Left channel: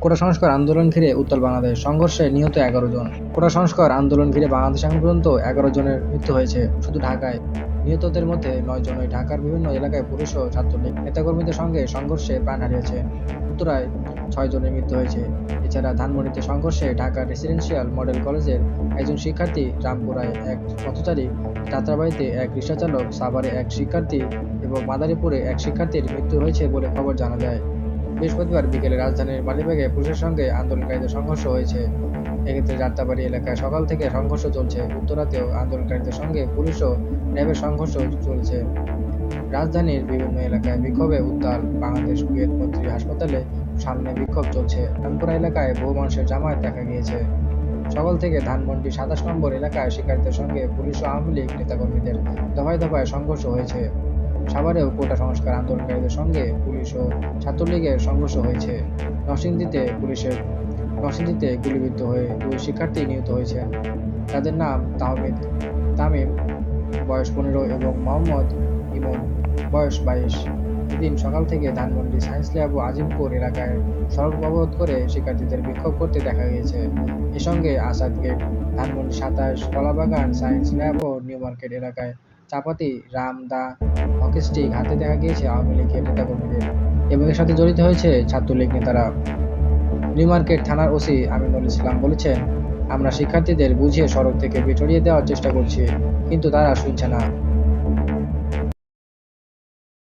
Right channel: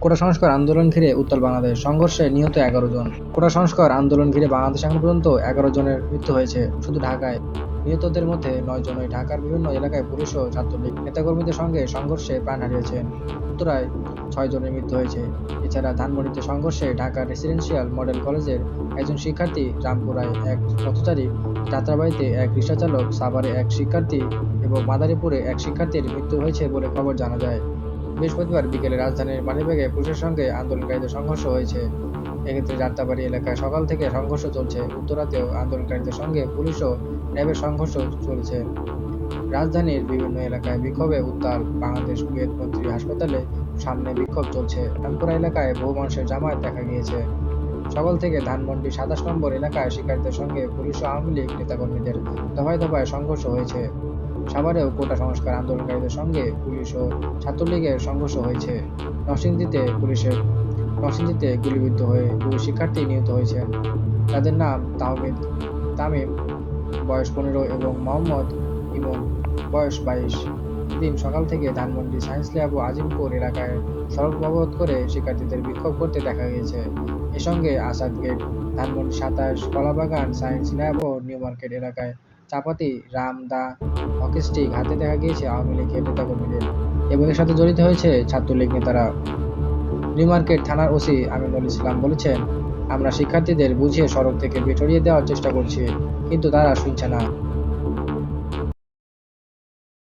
কোটা সংস্কার আন্দোলন ঘিরে উত্তাল বাংলাদেশ। সংঘর্ষে নিহত এগারো জন। কোটা সংস্কার আন্দোলন ঘিরে বাংলাদেশ এখন পর্যন্ত এগারো জনের মৃত্যু হয়েছে। শুধু ঢাকায়। নিহতদের মধ্যে নয় জনই ঢাকার বিভিন্ন এলাকায় পুলিশ ও ছাত্রলীগ নেতাকর্মীদের সঙ্গে সংঘর্ষে প্রাণ হারিয়েছেন। উত্তরায় ছয় জনের মৃত্যু হয়েছে। এছাড়া ধানমন্ডিতে সংঘর্ষে ঢাকা রেসিডেন্সিয়াল মডেল কলেজের একজন শিক্ষার্থী রামপুরায় এক পথচারী যাত্রাবাড়িতে এক রিক্সাচালক সাভারে এক শিক্ষার্থী এবং মাদারীপুরে এক শিক্ষার্থীর মৃত্যু হয়েছে বলে খবর জানা যায়। বৃহস্পতিবার বিকেলে রাজধানীর মালিবাগে পুলিশের সঙ্গে আন্দোলনকারীদের সংঘর্ষ হয়েছে। এক্ষেত্রে যাত্রাবাড়ি এলাকায় সকাল থেকে সংঘর্ষ চলছে। উত্তরাতেও আন্দোলনকারীদের সঙ্গে পুলিশ ও র্যাবের সংঘর্ষ চলছে। রাজধানীর বিভিন্ন এলাকায় বিক্ষোভে উত্তাল বাংলাদেশ কুয়েত মন্ত্রী হাসপাতালে সামনে বিক্ষোভ চলছে। রামপুরা এলাকায় বহু মানুষের জামায়াত দেখা গিয়েছে। সকাল থেকে ধানমন্ডি সাতাশ নম্বর এলাকায় শিকারীদের সঙ্গে পুলিশ ও আওয়ামী লীগ নেতাকর্মীদের দফায় দফায় সংঘর্ষ হয়েছে। সাভারেও কোটা সংস্কার আন্দোলনকারীদের সঙ্গে পুলিশ ও ছাত্রলীগের সংঘর্ষ হয়েছে। নরসিংদীতে পুলিশের, নরসিংদীতে গুলিবিদ্ধ হয়ে দুই শিক্ষার্থী নিহত হয়েছেন। তাদের নাম তাহমিদ তামিম, বয়স পনেরো এবং মোহাম্মদ ইমন, বয়স বাইশ। এদিন সকাল থেকে ধানমন্ডি সায়েন্স ল্যাব ও আজিমপুর এলাকায় সড়ক অবরোধ করে শিক্ষার্থীদের বিক্ষোভ করতে দেখা গিয়েছে। এ সঙ্গে আসাদ গেট ধানমন্ডি সাতাশ, কলাবাগান সায়েন্স ল্যাব ও নিউ মার্কেট এলাকায় চাপাতি, রাম, দা হকি স্টিক হাতে দেখা গিয়েছে আওয়ামী লীগের নেতা নেতাকর্মীদের এবং এর সাথে জড়িত হয়েছে ছাত্রলীগ নেতারা। নিউ মার্কেট থানার ওসি আমিনুল ইসলাম বলেছেন, আমরা শিক্ষার্থীদের বুঝিয়ে সড়ক থেকে বেটরিয়ে দেওয়ার চেষ্টা করছি, কিন্তু তারা শুনছে না।